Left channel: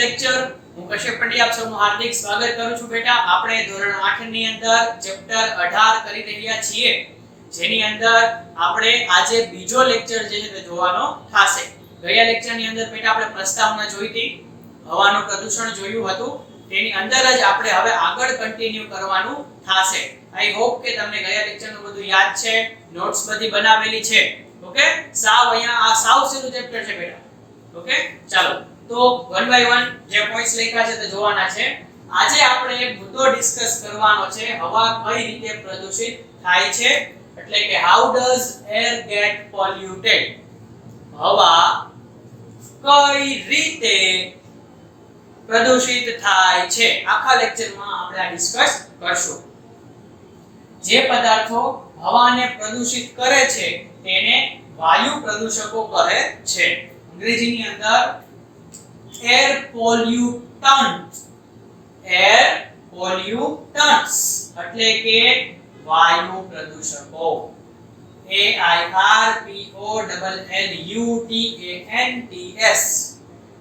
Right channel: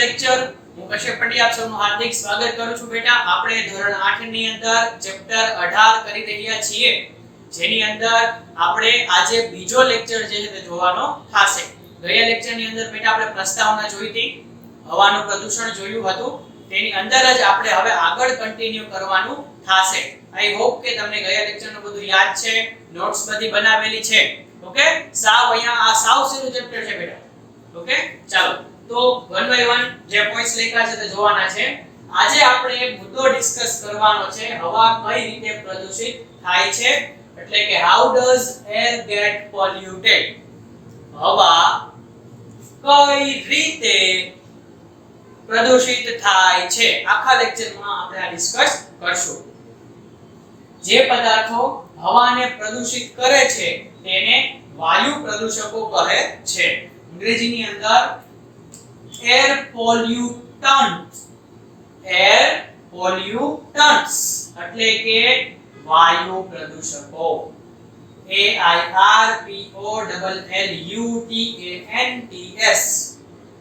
Lecture હું કશ્યપ પંડ્યા આપ સૌનું હાર્દિક સ્વાગત કરું છું બેટા. આપણે ધોરણ 8 ની અંદર ચેપ્ટર 18 કરી રહ્યા છીએ, જેની અંદર આપણે આજે બીજો લેક્ચર જે છે તે જોવાનો થશે. ગયા લેક્ચર ની અંદર બેટા આપણે પ્રસ્તાવના જોઈ હતી, હવાનું પ્રદૂષણ જોયું હતું, તેની અંદર જ આપણે હવે આગળ કન્ટિન્યુ કરવાનું થશે. આઈ હોપ કે તમને ગયા લેક્ચર નું બધું યાદ છે, નોટ્સ બધી બનાવેલી છે. ઓકે, સાવ અહીંયા આ સાવ સીધું ચેપ્ટર છે બેટા. ઓકે, ચાલો તો વન બાય વન જે પોઈન્ટ્સ લખ્યા છે તે જોવાના છે. આજે આપણે એક મુદ્દો ડિસ્કસ કરવાનો છે, હવા કઈ રીતે પ્રદૂષિત થાય છે, એટલે કે how does air get polluted. હવા કઈ રીતે પ્રદૂષિત થાય છે, આખા લેક્ચરમાં આપણે આ ડિસ્કસ કરશું. જે પદાર્થો હવાને પ્રદૂષિત કરે છે તેને વાયુ પ્રદૂષકો કહે છે. અંગ્રેજીની અંદર એર પોલ્યુટન્ટ્સ, એર પોલ્યુટન્ટ્સ એટલે કે વાયુ પ્રદૂષકો. A I R P O L L U T A N T S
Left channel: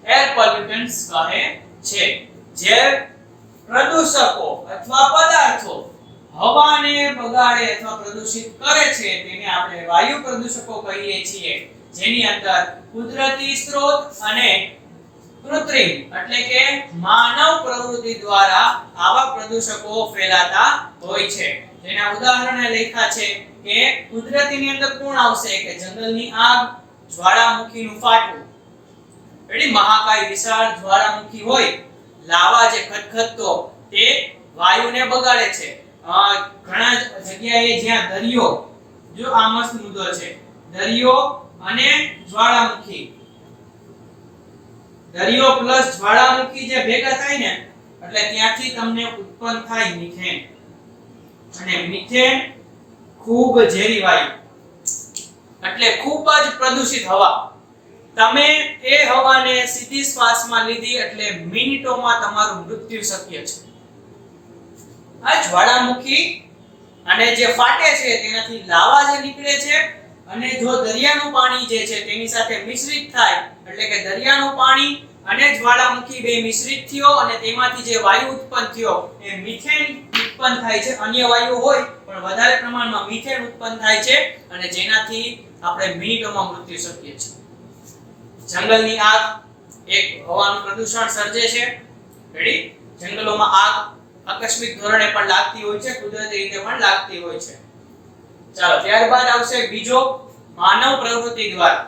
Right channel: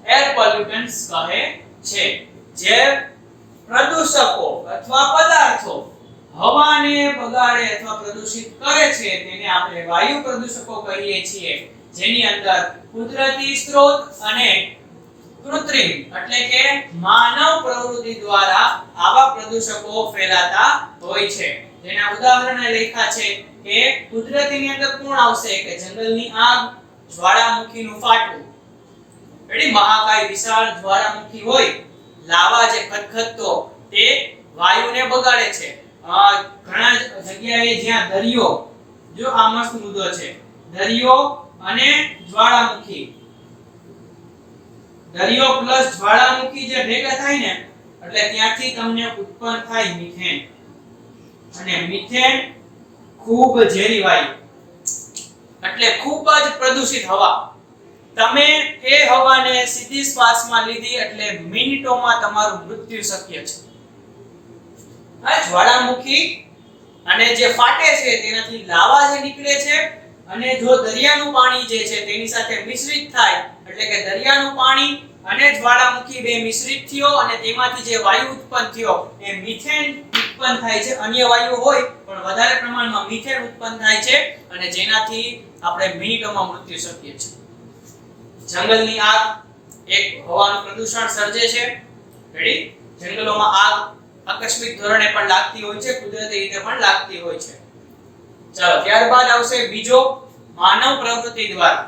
air pollutants કહે છે. જે પ્રદૂષકો અથવા પદાર્થો હવાને બગાડે અથવા પ્રદૂષિત કરે છે તેને આપણે વાયુ પ્રદૂષકો કહીએ છીએ, જેની અંદર કુદરતી સ્ત્રોત અને કૃત્રિમ એટલે કે માનવ પ્રવૃત્તિ દ્વારા આવા પ્રદૂષકો ફેલાતા હોય છે. જેના ઉદાહરણો લખ્યા છે કે કુદરતીની અંદર કોણ આવશે, કે જંગલની આગ, જ્વાળામુખીનું ફાટવું. એડી મહાકાય વિશાળ જ્વાળામુખી હોય, લાવા જે ખદખદતો તે વાયુને બગાડે છે. ઘણા જગ્યાએ જ્યાં દરિયો, જો આ મસ્ત મુદ્દો છે, દરિયો અને જ્વાળામુખી, દરિયો પ્લસ જ્વાળામુખી જે ભેગા થાય ને એટલે ત્યાંથી તમને ઉત્પન્ન થાય મિથેન. અને મિથેન ખૂબ ઝેરી વાયુ એટલે ખૂબ જ પ્રદૂષિત હવા. તમે એ હવાને સીધી શ્વાસમાં લીધી એટલે મિનિટોમાં તમારું મૃત્યુ શક્ય છે. આ જ્વાળામુખી અને જે ફાટે છે તેનાથી લાવા જે નીકળે છે, અને જો દરિયાનું પાણી જે છે તેની સાથે મિશ્રિત થાય એટલે કે દરિયાનું પાણી અને જ્વાળામુખી બે મિશ્રિત થયો અને તેમાંથી જે વાયુ ઉત્પન્ન થયો એ મિથેન ઉત્પન્ન થાય છે. અન્ય વાયુ હોય પણ વધારે પ્રમાણમાં મિથેન ઉત્પન્ન થાય છે અને જેનાથી આપણે મિનિટોમાં મૃત્યુ શકીએ છીએ. જંગલની આગ એક હવાનું પ્રદૂષણ સર્જે છે. રેડી, જંગલોમાં આગ આકસ્મિક ધોરણે પણ લાગતી હોય છે, કુદરતી રીતે પણ લાગતી હોય છે. ચાલો, ત્યારબાદ આવશે બીજો, માનવ પ્રવૃત્તિ દ્વારા.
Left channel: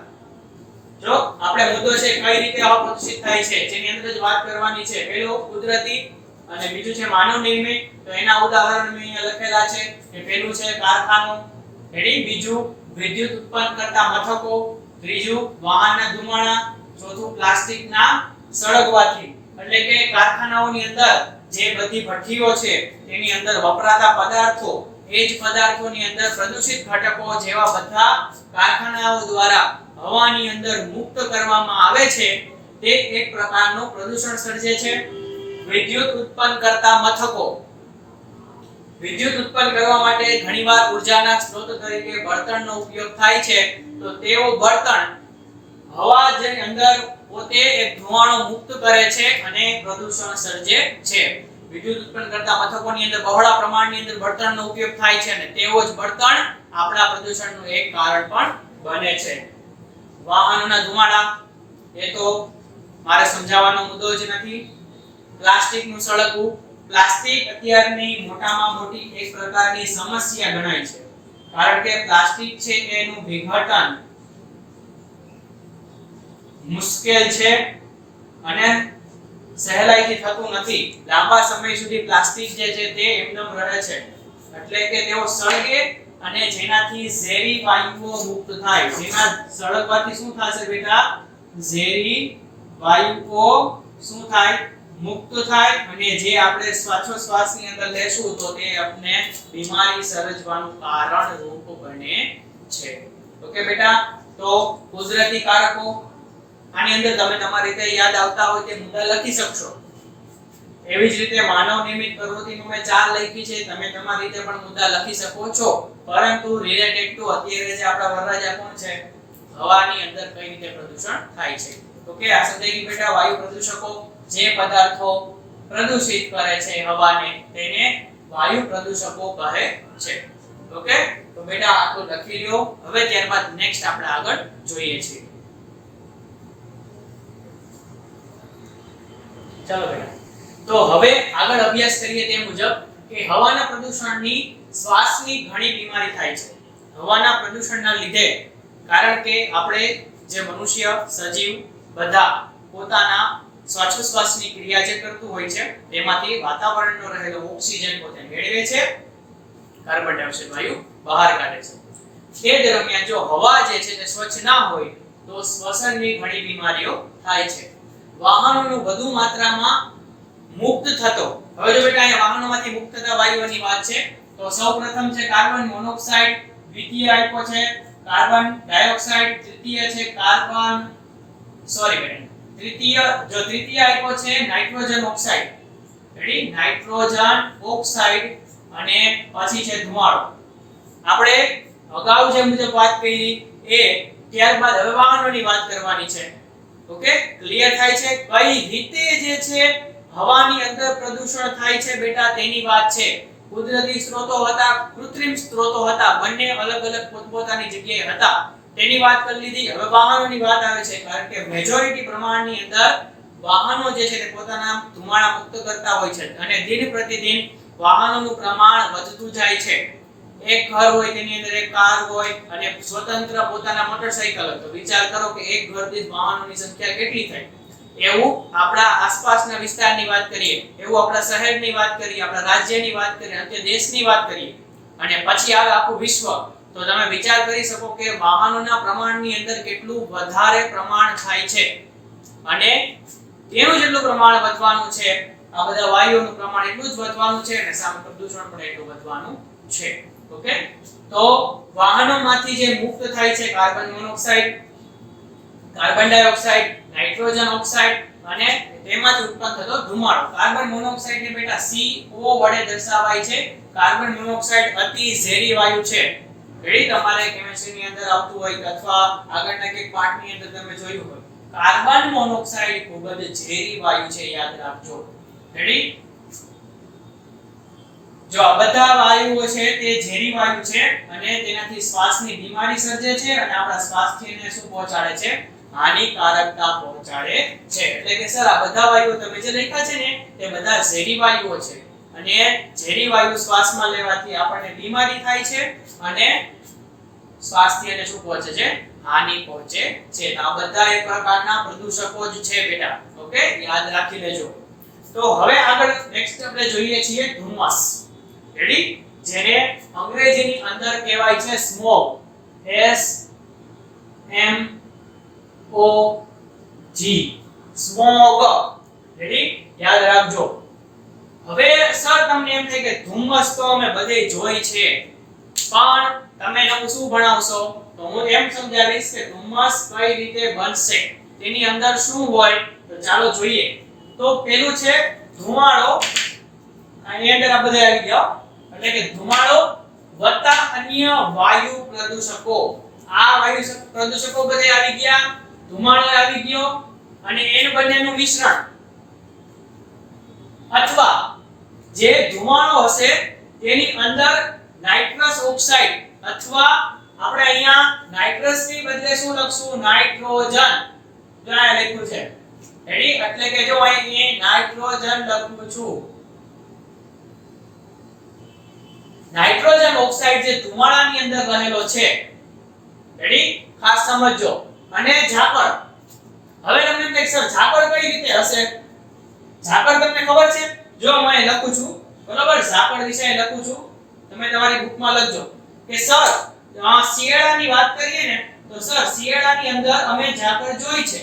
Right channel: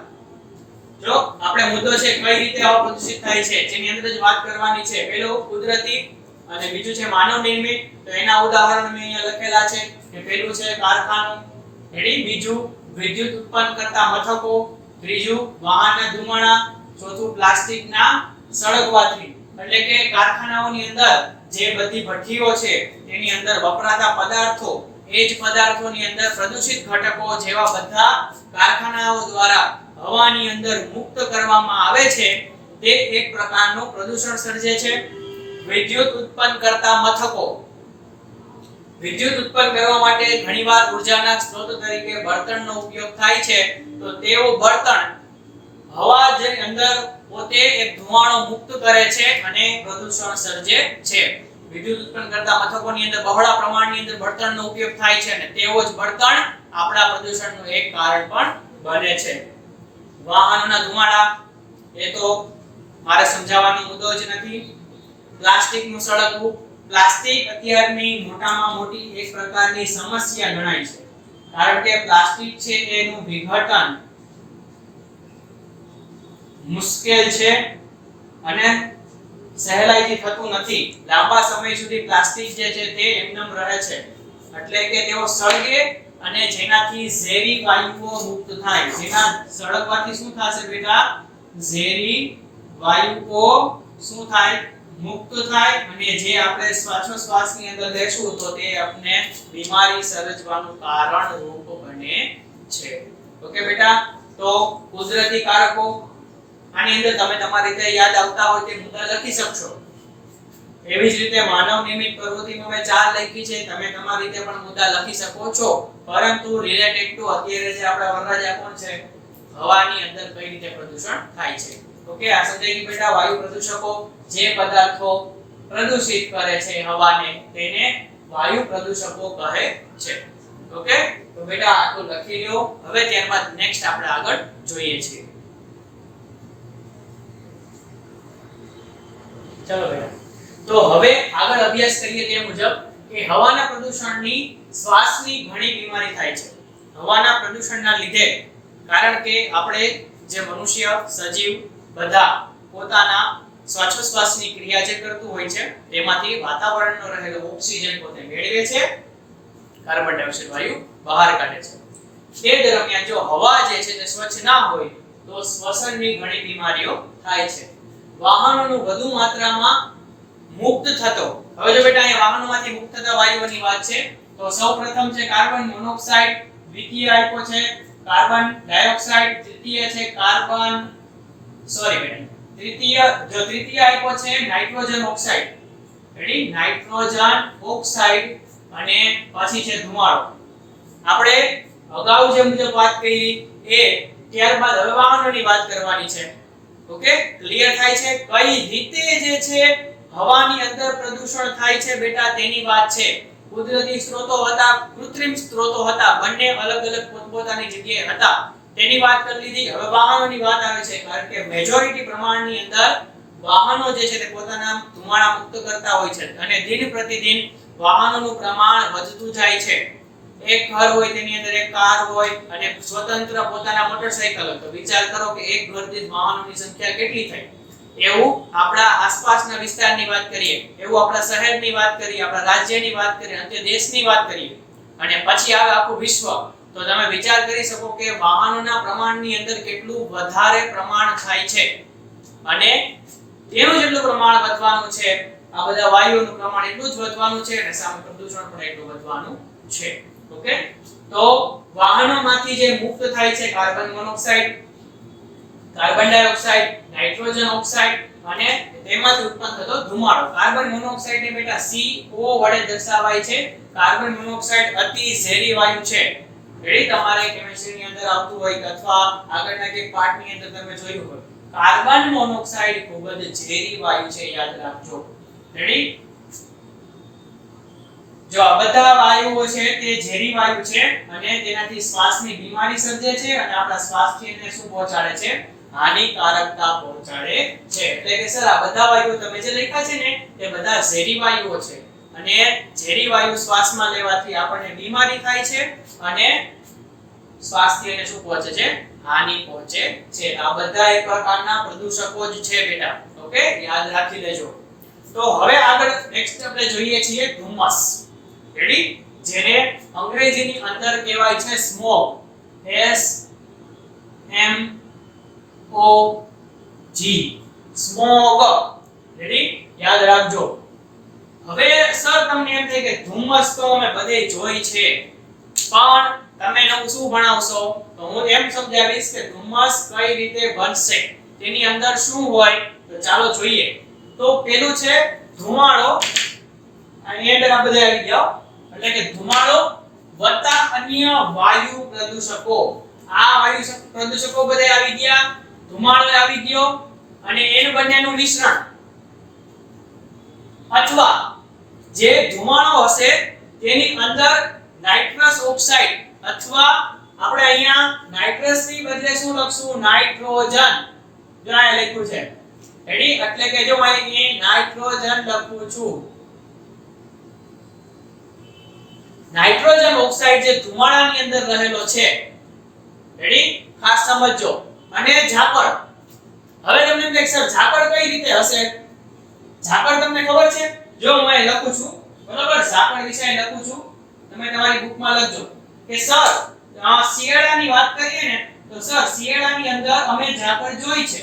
જો આપણે મુદ્દો છે કઈ રીતે હવા પ્રદૂષિત થાય છે જેની અંદર જ વાત કરવાની છે. પહેલું કુદરતી અને બીજું છે માનવ નિર્મિત. તો એના ઉદાહરણ મેં અહીંયા લખેલા છે કે પહેલું છે કારખાનો, રેડી, બીજું વિદ્યુત ઉત્પન્ન કરતા મથકો, ત્રીજું વાહનના ધુમાડા, ચોથું પ્લાસ્ટિકના સળગવાથી. એટલે કે કારખાનાઓની અંદર જે બધી ભઠ્ઠીઓ છે તેની અંદર વપરાતા પદાર્થો, એ જ પદાર્થોની અંદર પ્રદૂષિત ઘટકો જેવા બધા કારખાનાઓ દ્વારા હવાની અંદર મુક્ત કરવામાં આવે છે, તે એક પ્રકારનું પ્રદૂષણ સર્જે છે. વિદ્યુત ઉત્પન્ન કરતા મથકો, વિદ્યુત ઉત્પન્ન કરવા માટે ઘણીવાર ઉર્જાના સ્ત્રોત તરીકે બળતણનો ઉપયોગ થાય છે. તો તેઓ બળતણ હવા જે અંદર પોતે એક ધુમાડો મુક્ત કરે છે અને પ્રદૂષણ સર્જે છે. વિદ્યુત ઉત્પન્ન કરતા મથકોની અંદર બહોળા પ્રમાણની અંદર બળતણનો ઉપયોગ થાય છે અને તેવો જ બળતણ આપણા પ્રદૂષણનું એક કારણ પણ બને છે. વાહનોના ધુમાડા, એ તો મારે સમજાવવાનો મુદ્દો જ નથી. પ્લાસ્ટિકનું સળગવું, પ્લાસ્ટિક અત્યારની મોટામાં મોટી એક પ્રકારની સમસ્યા ગણાય છે, કારણ કે પ્લાસ્ટિક છે એનું વિઘટન મુશ્કેલ છે અને સહેલાઈથી થતું નથી. લાંબા સમય સુધી પ્લાસ્ટિક જે છે તે એમનેમ રહે છે, એટલે કે તેઓ સળગે અને જેનાથી ઝેરી વાયુઓ મુક્ત થાય. જેના સળગવાથી શું થશે બેટા, ઝેરી વાયુઓ શું થાય, મુક્ત થાય, અને જે આપણે શ્વાસોશ્વાસની અંદર લેશું તો તે આપણે બીમારી સર્જવાનું કારણ રૂપ બને છે. ઓકે બેટા, તો કુદરતી કારકો આની અંદર તમે તમારી રીતે યાદ આવતા હોય તે મુદ્દા લખી શકશો. એવી જ રીતે માનવ નિર્મિત પ્રવૃત્તિમાં મેં 4 લખી છે, તમે તમારી રીતે પણ મુદ્દા લખી શકો છો, પરંતુ રિલેટેડ ટુ અત્યારે જે આપણા વરરાજા કોણ છે, હવાની અંદર કઈ રીતે પ્રદૂષણ થાય છે. ઓકે, આ સમજાઈ ગયું બેટા. વાયુ પ્રદૂષકો જે પદાર્થો પ્રદૂષિત કરે છે હવાને તેને વાયુ પ્રદૂષકો કહે છે. ઓકે, તો બેટા આટલું લખી લ્યો. હવે ત્યારબાદ નેક્સ્ટ આપણે આગળ જોઈએ છીએ. ચલો બેટા, તો હવે આગળ અભ્યાસ કરીએ તે મુજબ કે હવાના પ્રદૂષણની શ્વાસની ઘણી બીમારી થાય છે. હવાના પ્રદૂષણના લીધે, કારણ કે આપણે જે મનુષ્ય સજીવ બધા પોતાના શ્વાસોશ્વાસની ક્રિયા જે કરતું હોય છે તેમાંથી વાતાવરણનો રહેલો ઓક્સિજન પોતે મેળવે છે, કાર્બન ડાયોક્સાઇડ વાયુ બહાર કાઢે છે. તે દરમિયાન જો હવા જે છે તે સ્વચ્છ ના હોય તો શ્વસનની ઘણી બીમારીઓ થાય છે. વાહનોનું વધુ માત્રામાં મુક્ત થતો, હવે જો બેટા અહીંયા વાહનોમાંથી મુક્ત થતા વાયુઓની વાત છે તો સૌપ્રથમ છે કાર્બન મોનોક્સાઇડ, દ્વિતીય આપ્યો છે કાર્બન ડાયોક્સાઇડ, તૃતીય છે કાર્બન તૃતીય આપ્યો છે nitrogen oxide. Ready, nitrogen oxide અને પછી છે ધુમાડો. આપણે અગાઉ જે મુજબ વાત કરી એ ત્યારબાદ હવે વાહનોની વાત કરવાની છે. ઓકે, ક્લિયર થાય છે કઈ રીતે જે છે હવાની અંદર પ્રદૂષણ થાય છે બેટા તેની વાત છે. કુદરતી સ્ત્રોતો હતા, કૃત્રિમ સ્ત્રોતો હતા, બંને અલગ અલગ પોતપોતાની જગ્યાએ હતા તેની વાત કરી લીધી. હવે વાહનોની વાત આવે છે કારણ કે મેજોરિટી પ્રમાણની અંદર વાહનો જે છે તે પોતાના ધુમાડા મુક્ત કરતા હોય છે અને દિન પ્રતિદિન વાહનોનું પ્રમાણ વધતું જાય છે. એક ઘર હોય તેની અંદર એક કાર હોય અને સ્વતંત્ર પોતાના મોટરસાઇકલ હોય તો વિચાર કરો કે એક ઘર દીઠ વાહનોની સંખ્યા કેટલી થાય. એવું આપણા આસપાસના વિસ્તારની વાત કરીએ, એવું આપણા શહેરની વાત કરીએ, આપણા રાજ્યની વાત કરીએ, અંતે દેશની વાત કરીએ અને પછી આવે આખું વિશ્વ, તો તમે વિચાર કરી શકો કે વાહનોના પ્રમાણની અંદર કેટલું વધારે પ્રમાણ થાય છે અને તેનું જેટલું પ્રમાણ વધવાનું છે આ બધા વાયુઓનું પ્રમાણ એટલું જ વધવાનું છે અને સામે પ્રદૂષણ પણ એટલું વધવાનું છે. ઓકે, તો વાહનોમાંથી જે મુક્ત થાય છે carbon monoxide, carbon dioxide, nitrogen oxide અને તેમાંથી ઉત્પન્ન થતો ધુમાડો. કાર્બન મોનોક્સાઇડ ને બેટા CO વડે દર્શાવાય છે. કાર્બન મોનોક્સાઇડ અતિ ઝેરી વાયુ છે. રેડી, તમારે કેમિસ્ટ્રીની અંદર આવતું હોય કે અથવા આગળના એક પાઠની અંદર તમે જોયું હોય, કાર્બન મોનોક્સાઇડ ખૂબ જ ઝેરી વાયુ છે, યાદ રાખજો. રેડી, જો આ બધા વાયુઓ છે તે ઝેરી વાયુ છે અને તેનાથી શ્વાસની બીમારી સર્જે છે અને આપણા સ્વાસ્થ્યને શું પહોંચાડે છે? હાનિકારકતા પહોંચાડે છે. એટલે કે સર આ બધા વાયુઓ તમે જે લખ્યા છે ને તે બધા ઝેરી વાયુઓ છે અને ઝેરી વાયુ શ્વાસમાં લેવાથી આપણને બીમારી થાય છે અને સ્વાસ્થ્યને શું પહોંચે છે? હાનિ પહોંચે છે. આ બધા એક પ્રકારના પ્રદૂષકો જ છે બેટા. ઓકે, યાદ રાખી લેજો. તો હવે આગળ નેક્સ્ટ આપણે જોઈએ છીએ ધુમ્મસ. રેડી, જેને અંગ્રેજીની અંદર કહેવાય છે સ્મોગ. SMOG, smog. રેડી, યાદ રાખજો. હવે સર તમને એમ થાય કે ધુમ્મસ તો અમે બધે જોઈ છે, પણ તમે નવું શું ભણાવશો? તો હું એમ સમજાવીશ કે ધુમ્મસ કઈ રીતે બનશે, તેની અંદર શું હોય. તો ચાલો જોઈએ. તો પેલું છે ધુમાડો. આની અંદર આ બધા આવી ગયા, એટલે કે ધુમાડો વત્તા અન્ય વાયુ પ્રદૂષકો. આ વાયુ પ્રદૂષકો બધા આવી ગયા, ધુમાડો આવી ગયો અને એન બંનેનું મિશ્રણ અથવા જે ધુમાડો હશે તેની અંદર નાઇટ્રસ ઓક્સાઇડ અથવા આપણે અહીંયા નાઇટ્રસ ની બદલે શું લખશું? નાઇટ્રોજન. જો આ લખ્યું છે. રેડી, એટલે કે જો અહીં નાઇટ્રોજન લખું છું. નાઇટ્રોજન ઓક્સાઇડ જે ધુમાડાની અંદર રહેલો છે. રેડી, ખાસ સમજજો. અને ઝાકળ. હવે તમને એમ કે સર ઝાકળ કઈ રીતે હશે? ઝાકળ તમને ખબર છે? જો હું અહીં લખું છું, બરાબર, ઝાકળ વિશે લખું છું, તમે તમારી બુકમાં લખજો કે સર શિયાળાની વાત કરીએ ને તો સર શિયાળાની અંદર અમે ઝાકળ જોઈ છે.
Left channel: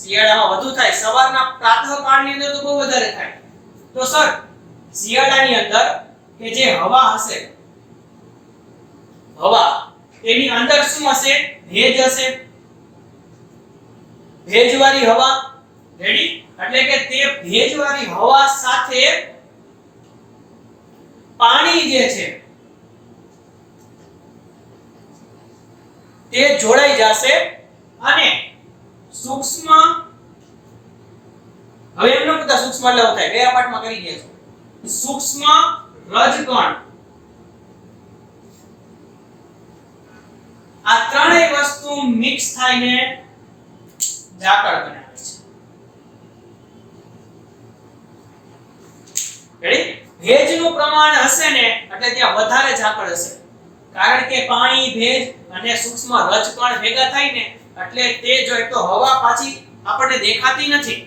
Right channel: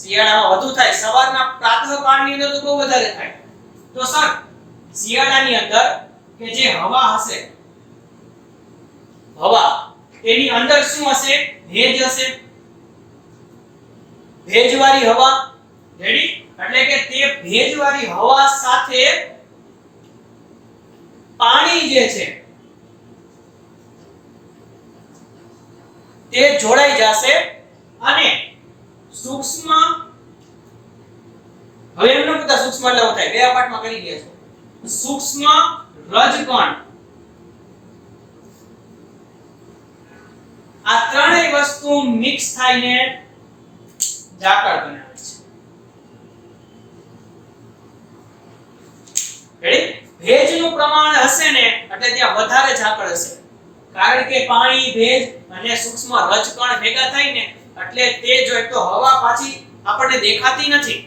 શિયાળામાં વધુ થાય, સવારના પ્રાતઃકાળની અંદર તો બહુ વધારે થાય. તો સર શિયાળાની અંદર કે જે હવા હશે, હવા તેની અંદર શું હશે? ભેજ હશે, ભેજવાળી હવા. રેડી, એટલે કે તે ભેજવાળી હવા સાથે પાણી જે છે તે જોડાઈ જશે અને સૂક્ષ્મ હવે એમનો બધા સૂક્ષ્મ એટલે થાય ગયા પાઠમાં કરી ગયા છે સૂક્ષ્મ રજકણ આ ત્રણેય વસ્તુ મિક્સ થઈને ઝાકળ બનાવે છે રેડી ભેજનું પ્રમાણ હશે ને એટલે ત્યાં વધારે ઝાકળ હશે કારણ કે પાણી ભેજ અને સૂક્ષ્મ રજકણ ભેગા થાય ને એટલે તે જો એક તો હવા પાછી આપણને દેખાતી નથી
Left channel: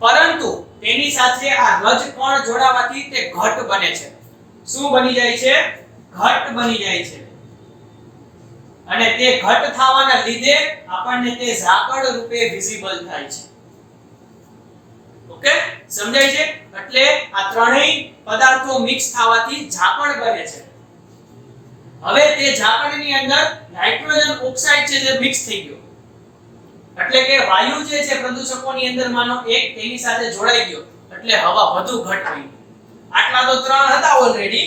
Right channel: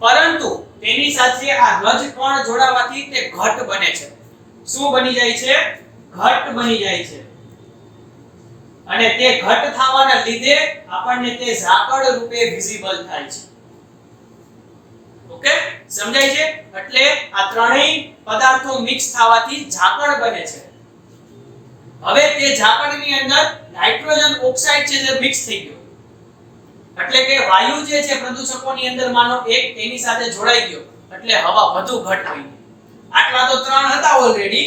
પરંતુ તેની સાથે આ રજકણ જોડાવાથી તે ઘટ બને છે શું બની જાય છે ઘટ બની જાય છે અને તે ઘટ થવાના લીધે આપણને તે ઝાકળ રૂપે વિઝિબલ થાય છે ઓકે સમજાય છે એટલે આ ત્રણેય પદાર્થો મિક્સ થવાથી ઝાકળ બને છે હવે તે ઝાકળની અંદર નાઇટ્રોજન ઓક્સાઇડ છે જે મિક્સ થઈ ગયો એટલે કે વાયુ જે છે પ્રદૂષકોની અંદર માનો એક તેની સાથે જોડાઈ ગયો એટલે હવા વધુ ઘટ થઈ આટલા તો ત્રણ હતા ઓલરેડી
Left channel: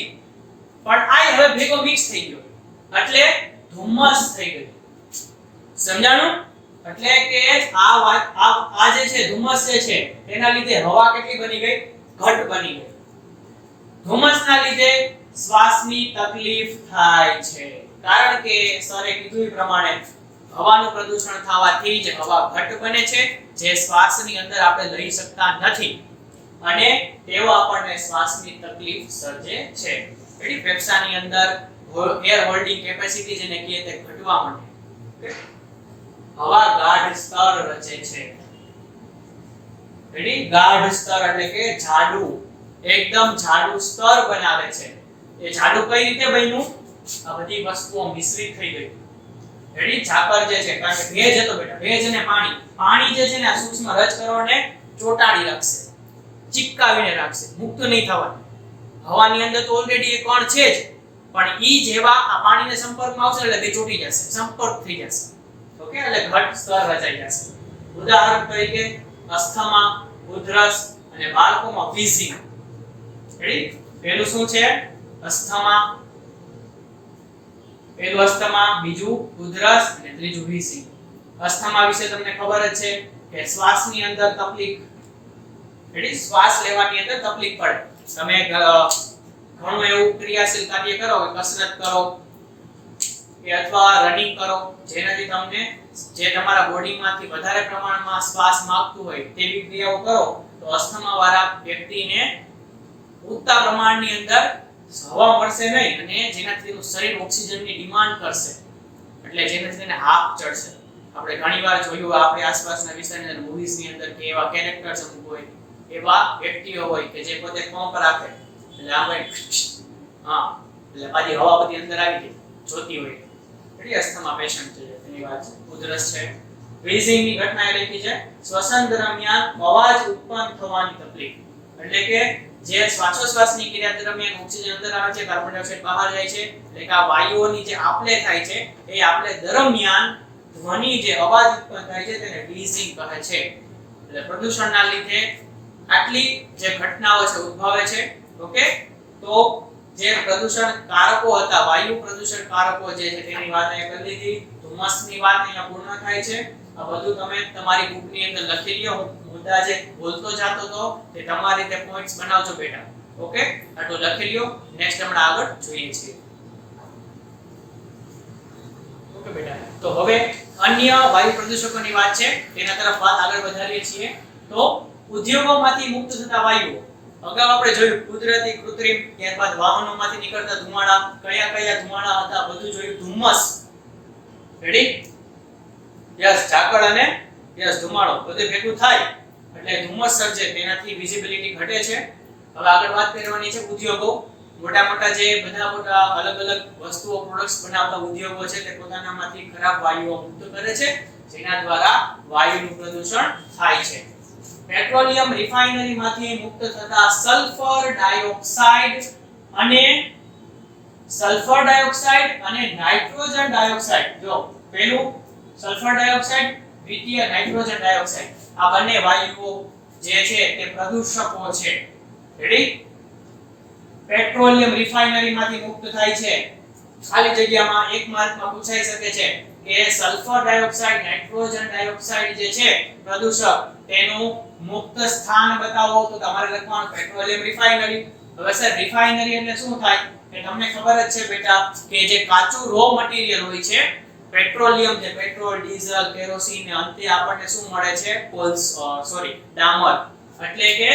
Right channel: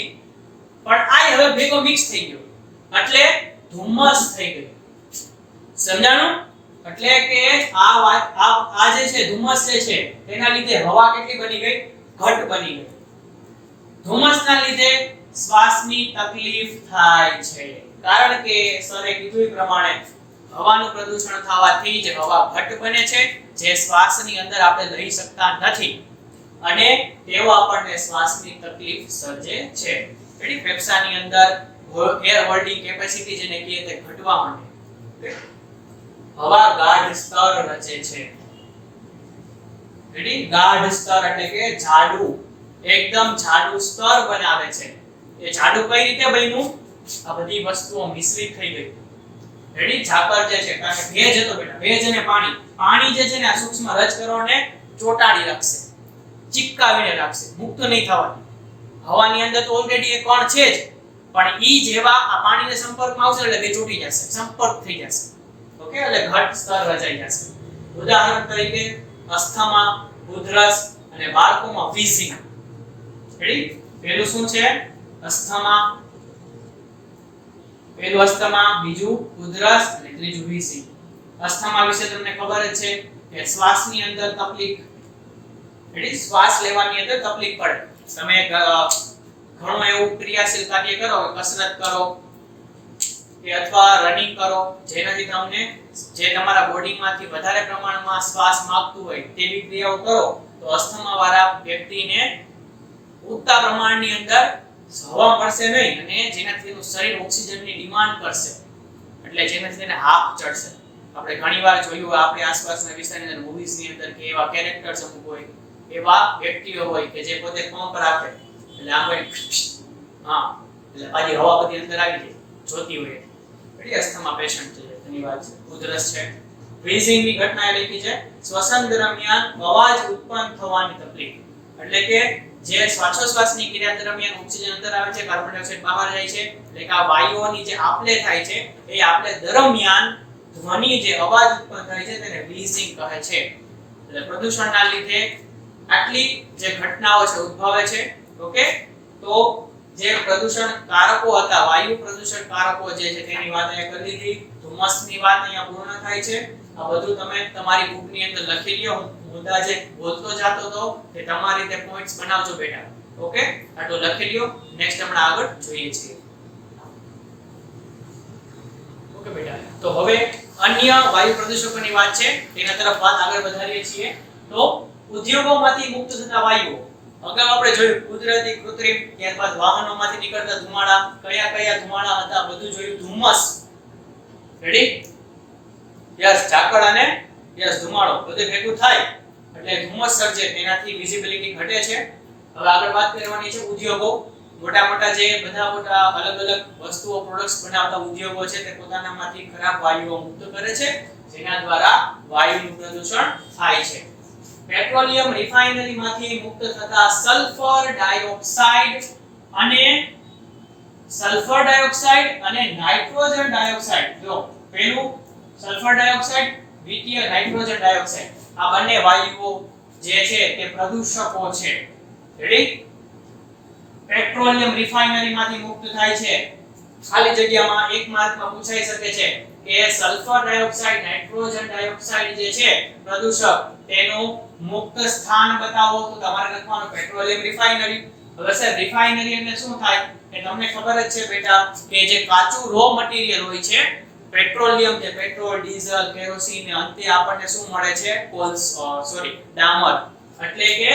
પણ આ હવે ભેગો મિક્સ થઈ ગયો એટલે ધુમ્મસ થઈ ગયું સમજાણું એટલે કે આ જે છે ધુમ્મસ જે છે તેના લીધે હવા કેટલી બની ગઈ ઘટ બની ગઈ ધુમ્મસના લીધે શ્વાસની તકલીફ થાય છે કારણ કે સરે કીધું પ્રમાણે હવાનું પ્રદૂષણ થવાથી જ હવા ઘટ બને છે જે શ્વાસની અંદર આપણે લઈ શકતા નથી અને તેઓ આપણને શ્વાસની તકલીફ સર્જે છે એની ફેફસાની અંદર એર હોલ્ડિંગ કેપેસિટી જેને કહીએ તે ઘટવા માંડે હવા ગાઢ સ્તર રચે છે રેડી ગાઢ સ્તર એટલે કે જાડું એકદમ જાડું સ્તર બનાવે છે એ જાડું કઈ રીતે બન્યું આ બધી વસ્તુઓ મિશ્રિત થઈ ગઈ રેડી ઝાકળ જે છે કારણ કે ભેજ હતો બેટા ભેજ અને પાણી જે છે ને આ સૂક્ષ્મ રજકણોને ચોટાડી રાખશે ચિપકાવીને રાખશે મુક્ત નહીં થવાની હવાની અંદર તો ઓલરેડી એક કણ છે જ પણ ઈ જેવા આ પાણીના સંપર્કમાં આવશે એટલે બે ચોટી જશે સંપર્ક થઈ જશે ઓકે એટલે ઘટ સ્તર રચાઈ જશે ઉદાહરણ તરીકે અસ્થમા ઉધરસ અને બાળકોમાં વીઝિંગ રેડી પહેલું શું છે અસ્થમા પહેલું અસ્થમા બીજું ઉધરસ અને ત્રીજું વીઝિંગ અસ્થમા વિશે તમને ખબર જ છે કે શ્વાસની અંદર તકલીફ રેડી શ્વાસ લેવાની અંદર તકલીફ પડે તમે ઘણું એવું ક્રિયાશીલ કાર્ય કરો કે કસરત કરો કે અથવા રનિંગ કરો જેનાથી તમને જે તમારા બોડીમાંથી વધારે પ્રમાણમાં શ્વાસ માંગતું હોય તેવી ક્રિયાઓ કરો તો અસ્થમા વાળા વ્યક્તિને પૂરતા પ્રમાણની અંદર હવા મળશે નહીં અને જેનાથી તેનું શરીર ઓક્સિજનની ડિમાન્ડ કરશે એટલે જેનાથી તેને હાફ ચડશે આપણે ઘણીવાર જોયું આપણી આસપાસના વિસ્તારની અંદર મૂવીઝની અંદર કે એવા કેરેક્ટર્સ અમુક હોય એવા વ્યક્તિઓ હોય કે જે પોતે પંપ રાખે એટલે આમ હા એટલે પાછી હવા બધી અંદર આવી જાય જોતી હોય એટલે અસ્થમા પેશન્ટ થઈ જાય એની વાત છે ઉધરસ છે વીઝિંગની ઘટના એ લખી છે શ્વસન દરમિયાન અવાજ ઉત્પન્ન થવાની તકલીફ એટલે કે જે શ્વાસોશ્વાસની ક્રિયા દરમિયાન ઓક્સિજન અંદર આવે છે કાર્બન ડાયોક્સાઇડ બહાર જાય છે એટલે કે આ વાયુઓની જે આપલે થાય છે એ આપલે દરમિયાન ધ્વનિ જે અવાજ ઉત્પન્ન થાય છે તેને વીઝિંગ કહે છે એટલે પ્રદૂષણના લીધે આટલી જે ઘટનાઓ છે ઉદ્ભવે છે ઓકે તો જે પ્રદૂષણ કારકો હતા વાયુ પ્રદૂષણ કારકો જે છે તેની વાત અહીંયા કરી દીધી ધુમ્મસની વાત અહીંયા પૂર્ણ થાય છે આ બધું તમે તમારી બુકની અંદર લખી લ્યો મુદ્દા જે બોલતો જાતો તો તે તમારી રીતે પોઈન્ટ્સ બનાવજો બેટા ઓકે આટલું લખી લ્યો નેક્સ્ટ આપણે આગળ જોઈએ છીએ ઓકે બેટા તો હવે અન્ય વાયુ પ્રદૂષકોની વાત છે તેના તરફ વાત આગળ વધારીએ છીએ તો ઉદ્યોગોમાંથી મુક્ત થતા વાયુઓ અગાઉ આપણે જોયું કુદરતી કૃત્રિમ ત્યારબાદ વાહનોમાંથી નીકળતા ધુમાડા કયા કયા ધુમાડા હતા બધું જોયું ધુમ્મસ રેડી યસ ઝાકળ અને યસ ધુમાડો બધું ભેગું થાય એટલે ધુમ્મસ સર્જે તેનાથી વિઝિબિલિટી ઘટે છે હવે આગળ વાત કરવાની છે ઉદ્યોગો મોટા મોટા જે બધા મોટા અલગ અલગ વસ્તુઓ પ્રોડક્ટ્સ બનાવતા ઉદ્યોગો છે તે પોતાનામાંથી ખરાબ વાયુઓ મુક્ત કરે છે જેના દ્વારા વાયુનું પ્રદૂષણ થાય છે પેટ્રોલિયમ રિફાઇનરીમાંથી મુક્ત થતા સલ્ફર ડાયોક્સાઇડ અને નાઇટ્રોજન ડાયોક્સાઇડ જો પહેલું સલ્ફર ડાયોક્સાઇડ દ્વિતીય નાઇટ્રોજન ડાયોક્સાઇડ આ બંને વાયુઓ જે છે તે પ્રદૂષકો છે રેડી પેટ્રોલિયમ રિફાઇનરીમાંથી મુક્ત થાય છે ખાલી જગ્યામાં એક માર્કમાં પૂછાઈ શકે છે કે સલ્ફર ડાયોક્સાઇડ, નાઇટ્રોજન ડાયોક્સાઇડ જે છે પ્રદૂષક, તેનું મુક્ત સ્થાન બતાવો તો તમારે લખવાનું પેટ્રોલિયમ રિફાઇનરી. હવે સર રિફાઇનરી એટલે શું થાય કે તમને ખબર જ છે બેટા કે જે કાચું રો મટીરીયલ હોય છે પેટ્રોલિયમ, જે પેટ્રોલ, ડીઝલ, કેરોસીન ને અંતે આપણને શું મળે છે ડામર. એટલે કે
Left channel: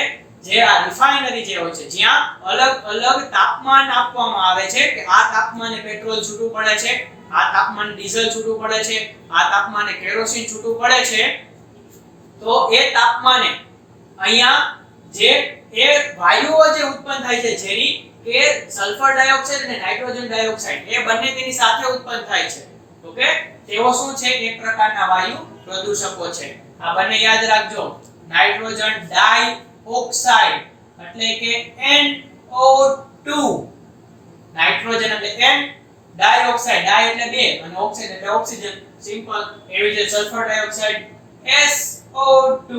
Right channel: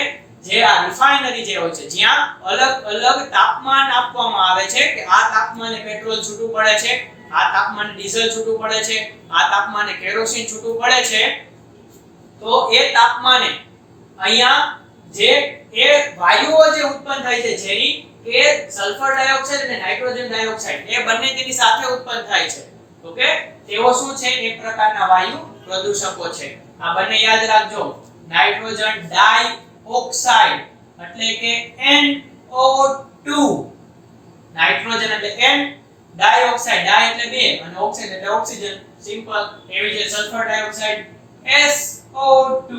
જે આ રિફાઇનરી જે હોય છે જ્યાં અલગ અલગ તાપમાન આપવામાં આવે છે કે આ તાપમાને પેટ્રોલ છૂટું પડે છે, આ તાપમાને ડીઝલ છૂટું પડે છે, આ તાપમાને કેરોસીન છૂટું પડે છે, તો એ તાપમાને અહીંયા જે એ વાયુઓ જે ઉત્પન્ન થાય છે ઝેરી, કે સલ્ફર ડાયોક્સાઇડ અને નાઇટ્રોજન ડાયોક્સાઇડ, એ બંને તેની સાથે ઉત્પન્ન થાય છે. ઓકે, તેઓ શું છે? એક પ્રકારના વાયુ પ્રદૂષકો છે. આ બંને યાદ રાખજો. નાઇટ્રોજન ડાયોક્સાઇડ એટલે કે NO2, નાઇટ્રોજન એટલે N, ડાયોક્સાઇડ, ડાય એટલે બે અને ઓક્સાઇડ એટલે ઓક્સિજન, સિમ્પલ. એવી રીતે સલ્ફર ડાયોક્સાઇડ SO2.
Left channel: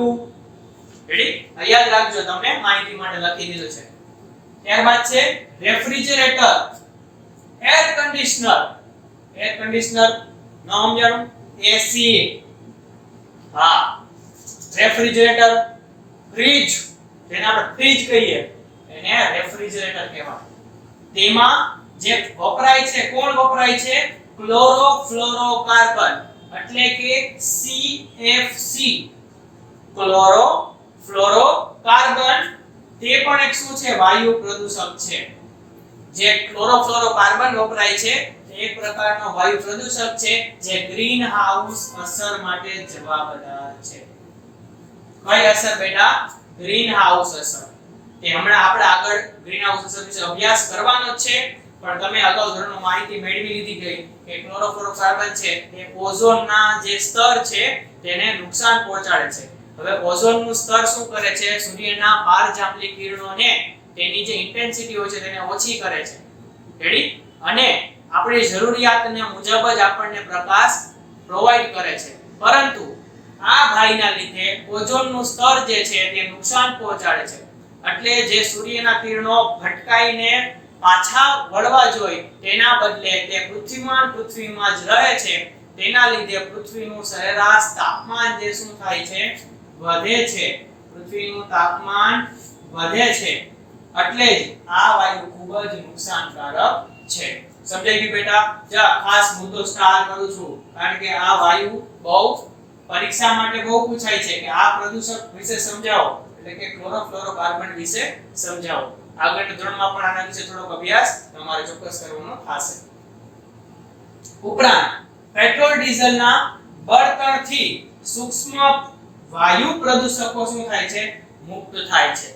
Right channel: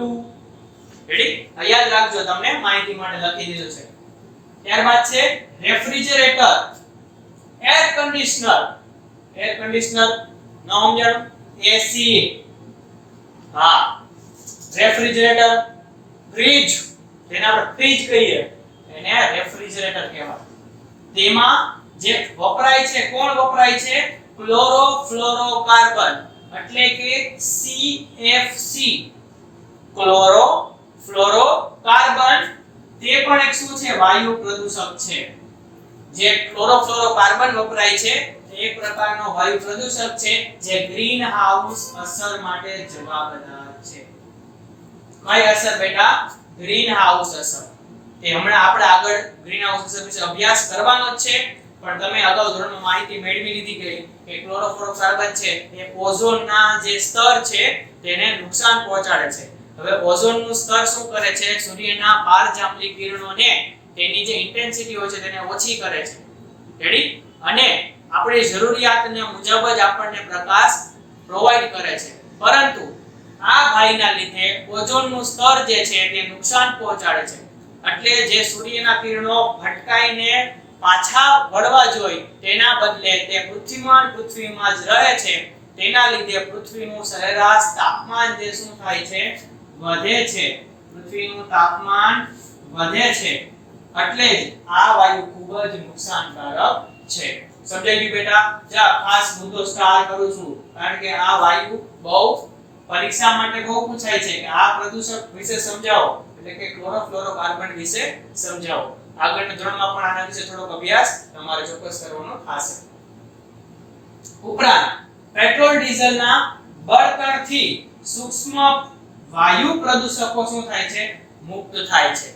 રેડી? યાદ રાખજો, તમને માહિતી માટે લખી દીધું છે. ત્યારબાદ છે refrigerator, air conditioner. Air conditioner ન સમજાણું? AC. હા, રેફ્રિજરેટર, ફ્રીજ, જેને આપણે ફ્રીજ કહીએ એને રેફ્રિજરેટર કહેવાય. તેમાં જે વપરાય છે, કોણ વપરાય છે? ક્લોરોફ્લોરોકાર્બન એટલે કે CFC. ક્લોરોફ્લોરોકાર્બન તે પણ એક શું છે? વાયુ પ્રદૂષક છે. જે ક્લોરોફ્લોરોકાર્બન વપરાય છે તે એક પ્રકારનો વાયુ પ્રદૂષક છે જે ગ્રીન હાઉસ અસર માટે જવાબદાર છે. કઈ અસર બેટા? ગ્રીન હાઉસ અસર. એ હમણાં આપણે આગળ ગ્રીન હાઉસ અસર વિશે અભ્યાસ કરવાનો જ છે, પણ તમે અગાઉ ધોરણમાં માહિતી મેળવી લીધી ગઈ કે ક્લોરોફ્લોરોકાર્બન છે એ ઓઝોનના જે સ્તર છે તેને નુકસાન પહોંચાડે છે. હવે ઓઝોનનું સ્તર શું કરે છે? સૂર્યના પારજાંબલી કિરણોને તેની જે ઇન્ટેન્સિટી હોય છે તેને ઓછી કરે છે. રેડી? અને આપણી જરૂરિયાતને મુજબ જ આપણને પ્રકાશ પ્રોવાઈડ કરે છે. પરંતુ આ ભાઈના લીધે ઓઝોનનું સ્તર જે છે તે નુકસાન પહોંચાડે છે. એટલે જે સૂર્યના કિરણો ભટકાઈને પાછા વળવા જોઈએ તેના બદલે તે પૃથ્વીમાં જ રહે છે. તેના લીધે પૃથ્વીનું સરેરાશ તાપમાન જે શું થાય છે? વધે છે. પૃથ્વીનું તાપમાન વધે છે. એટલે જ આ વાયુ ખૂબ જ નુકસાનકારક છે. સમજાઈ ગયું બેટા? જા ખાસ મુદ્દો સ્ટાર કરું છું કારણ કે આ વાયુ બહુ પરીક્ષા માટે બહુ પૂછાય છે કે આ પ્રદૂષક વિશે સમજાવો, એટલે કે ક્લોરોફ્લોરોકાર્બન વિશે સમજાવો. આગળના ધોરણમાં પણ આના વિશે થોડોક અભ્યાસ તમારે ચોક્કસ કરવાનો થશે. ઉપરાંત પેટ્રોલ ડીઝલના બળતણથી સૂક્ષ્મ વાયુ પ્રદૂષકો શું થાય છે? મુક્ત થાય છે.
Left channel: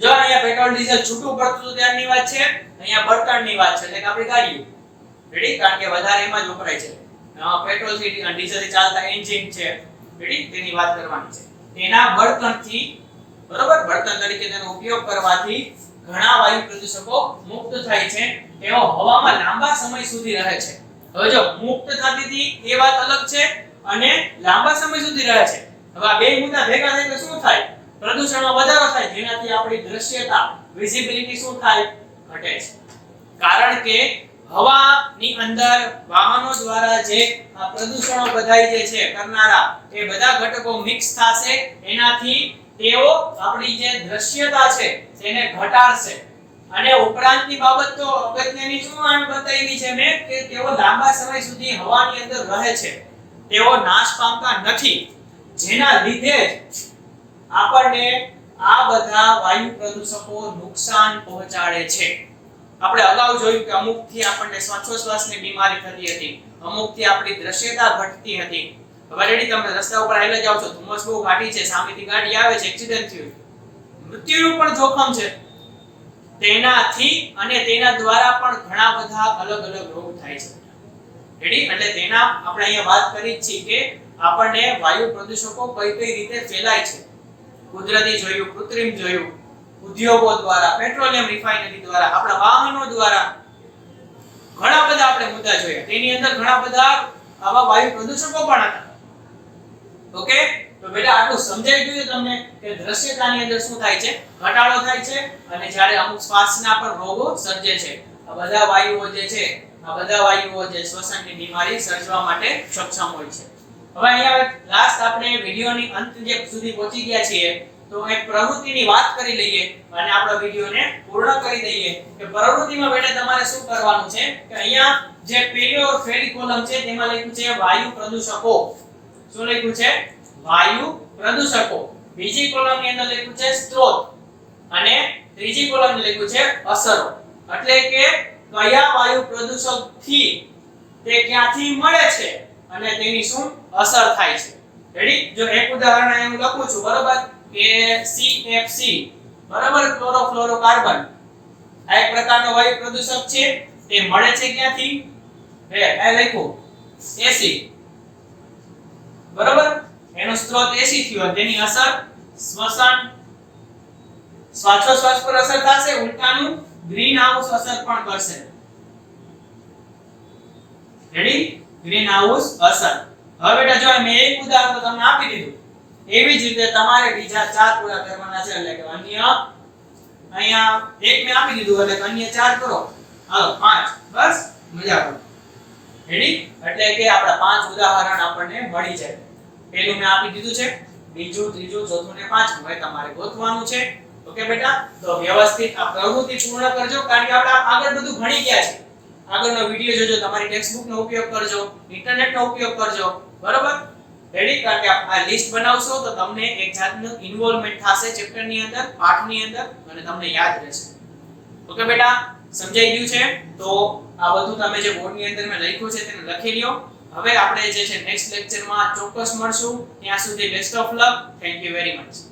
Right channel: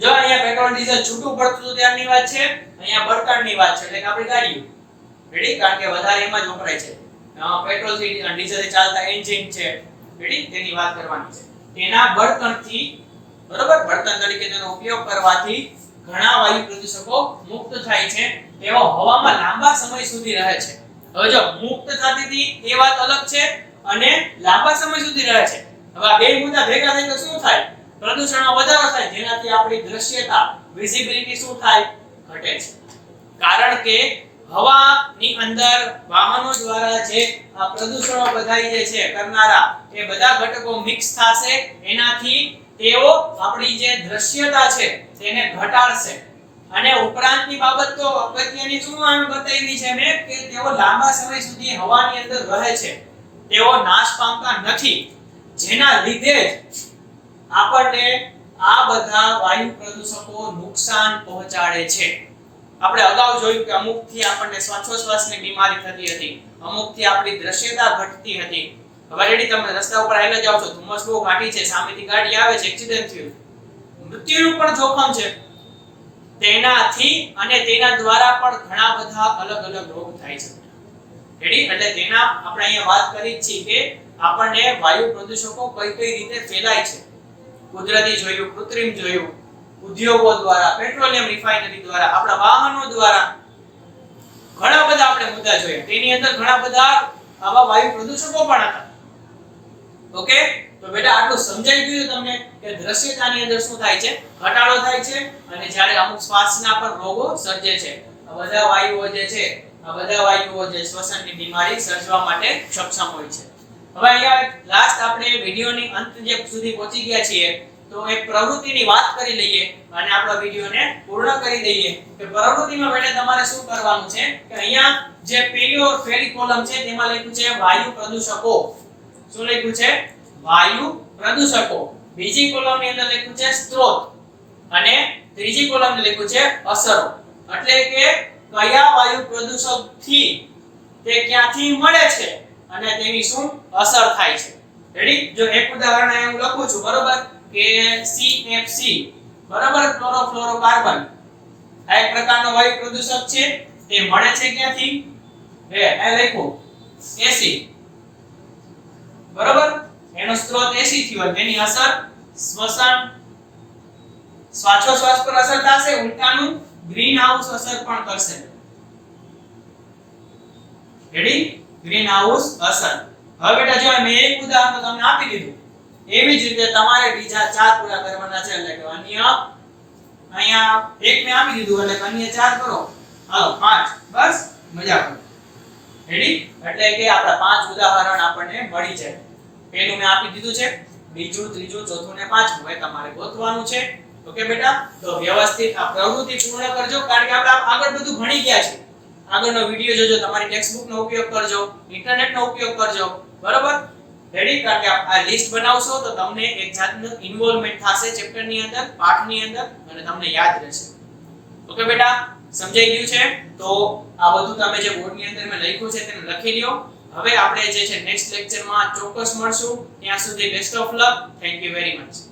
જો અહીંયા પેટ્રોલ ડીઝલ છૂટું પડતું ત્યારની વાત છે, અહીંયા બળતણની વાત છે, એટલે કે આપણી ગાડીઓ. રેડી? કારણ કે વધારે એમાં જ વપરાય છે. પેટ્રોલ થી ડીઝલ થી ચાલતા એન્જિન છે, રેડી? તેની વાત કરવાની છે. તેના બળતણથી, બરોબર, બળતણ તરીકે તેનો ઉપયોગ કરવાથી ઘણા વાયુ પ્રદૂષકો મુક્ત થાય છે. તેઓ હવામાં લાંબા સમય સુધી રહે છે. હવે જો મુક્ત થતી હતી એ વાત અલગ છે અને લાંબા સમય સુધી રહે છે. હવે આ બે મુદ્દા ભેગા થાય તો શું થાય? પ્રદૂષણમાં વધારો થાય, જેનાથી આપણી દ્રશ્યતા, વિઝિબિલિટી શું થાય? ઘટે છે. કારણ કે હવાની અંદર વાહનો દ્વારા જે આ પ્રદૂષણો બધાય જે છે કરનારા એ બધા ઘટકો મિક્સ થશે, એનાથી તેઓ આપણી જે દ્રશ્યતા છે તેને ઘટાડશે. અને ઉપરાંતની બાબત તો અગત્યની શું બતાવી છે મેં કે તેઓ લાંબા સમય સુધી હવાની અંદર રહે છે, તેઓ નાશ પામતા નથી, જેના લીધે આપણને આ બધા વાયુ પ્રદૂષકો નુકસાન પહોંચાડે છે. આપણે અગાઉ જોયું કે અમુકથી આપણને શ્વાસોશ્વાસની બીમારી થતી હતી, અમુકથી આપણી દ્રશ્યતા ઘટતી હતી. હવે રેડી? તમે રસ્તા ઉપર હાલ્યા જાવ છો, ધુમ્મસ બહુ ઘાટી છે, સામેથી ગાડી આવે છે, એક્સિડન્ટ થયું, મૃત્યુનું પણ જોખમ છે તેનાથી, અને તેના દ્વારા પણ ઘણા બધા અલગ અલગ રોગ થાય છે. રેડી? એટલે તેના આપણે અહીંયા વાત કરી જ છીએ કે આપણને વાયુ પ્રદૂષકો કઈ કઈ રીતે ફેલાય છે. કુદરતી જોયું, કૃત્રિમ જોયું, ઉદ્યોગો દ્વારા, પેટ્રોલિયમ રિફાઇનરી દ્વારા, આપણા વાહનો દ્વારા, ઘણા બધા આપણે મુદ્દા જોયા. તેની અંદર ઘણા બધા આવા વાયુ પ્રદૂષકો પણ હતા. ઓકે? તો બેટા આટલું સમજાઈ ગયું તમને કે દ્રશ્યતાની અંદર શું થાય છે? ઘટાડો થાય છે, અને જ્યારે અમુક શ્વાસના પણ રોગો સર્જે છે. આ બધા વાયુઓ જે છે આ બધા વાયુઓ જે શ્વસનની બીમારી સર્જવા માટે સક્ષમ હોય છે. હવે અહીંયા લાસ્ટ આપણે વિડિયોની અંત જે સુધી પહોંચી ગયા છીએ તો એક પ્રવૃત્તિની વાત કરી લઈએ અને આપણો વિડિયોને પૂર્ણ કરી દઈએ કે પ્રવૃત્તિમાં બેટા તમારે શું કરવાનું છે કે અહીંયા જે પેરી કોલમ છે તેમાં લખ્યું છે વાયુ પ્રદૂષકો. શું લખ્યું છે? વાયુ પ્રદૂષકો. બીજી કોલમની અંદર લખ્યું છે સ્ત્રોત અને ત્રીજી કોલમમાં લખ્યું છે અસરો. એટલે કે કયા વાયુ પ્રદૂષકથી તે ક્યાંથી મળે છે અને તેની શું અસર થાય છે. રેડી? જો એક ઉદાહરણ અહીં હું લખું છું બરોબર કે CFC બરાબર ક્લોરોફ્લોરોકાર્બન આ એક પ્રકારનો વાયુ પ્રદૂષક છે. તે મળે છે ક્યાંથી? આ લખ્યું એસિડ બરાબર. એનો સ્ત્રોત એસિડ થયો તેની અસર શ્વસન શ્વાસોશ્વાસ પર અસર થશે. ઉલટાનું ગ્રીન હાઉસ અસર પણ કરશે. રેડી? ગ્રીન હાઉસ અસર. હવે બેટા જો મેં એક ઉદાહરણ તો તમને આપી દીધું એવી જ રીતે તમારે બીજા 4 પૂરા કરવાના છે. એટલે કે અન્ય અહીંયા એક મેં આપી દીધું એટલે અન્ય 4 કરો. હાલો 5 બસ મજા કરો. રેડી? એટલે કે આપડા 5 ઉદાહરણ આપણને મળી જાય. પહેલું મેં આપી દીધું છે, બીજું, ત્રીજું, ચોથું ને પાંચમું હવે તમારે ગોતવાનું છે. ઓકે બેટા? તો વ્યવસ્થિત આ પ્રવૃત્તિ પૂર્ણ કરજો કારણ કે આપણે આગળ બધું ભણી ગયા છે. આગળનો વિડિયો જોજો, તમારી ટેક્સ્ટબુક નો ઉપયોગ કરજો, ઇન્ટરનેટ નો ઉપયોગ કરજો. બરોબર? રેડી? કારણ કે આ લિસ્ટ બનાવશો તો તમને એક જાતનું ઇન્વોલ્વમેન્ટ થશે ચેપ્ટર ની અંદર, પાઠ ની અંદર અને તમને યાદ રહેશે. ઓકે બેટા? સમજાઈ ગયું છે? તો આ બધું તમે જે બોર્ડ ની અંદર મેં લખ્યું છે તેને લખી લ્યો. હવે આપણે જે છે નેક્સ્ટ લેક્ચરમાં ચોક્કસ મળશું. ત્યાં સુધી best of luck. Thank you very much.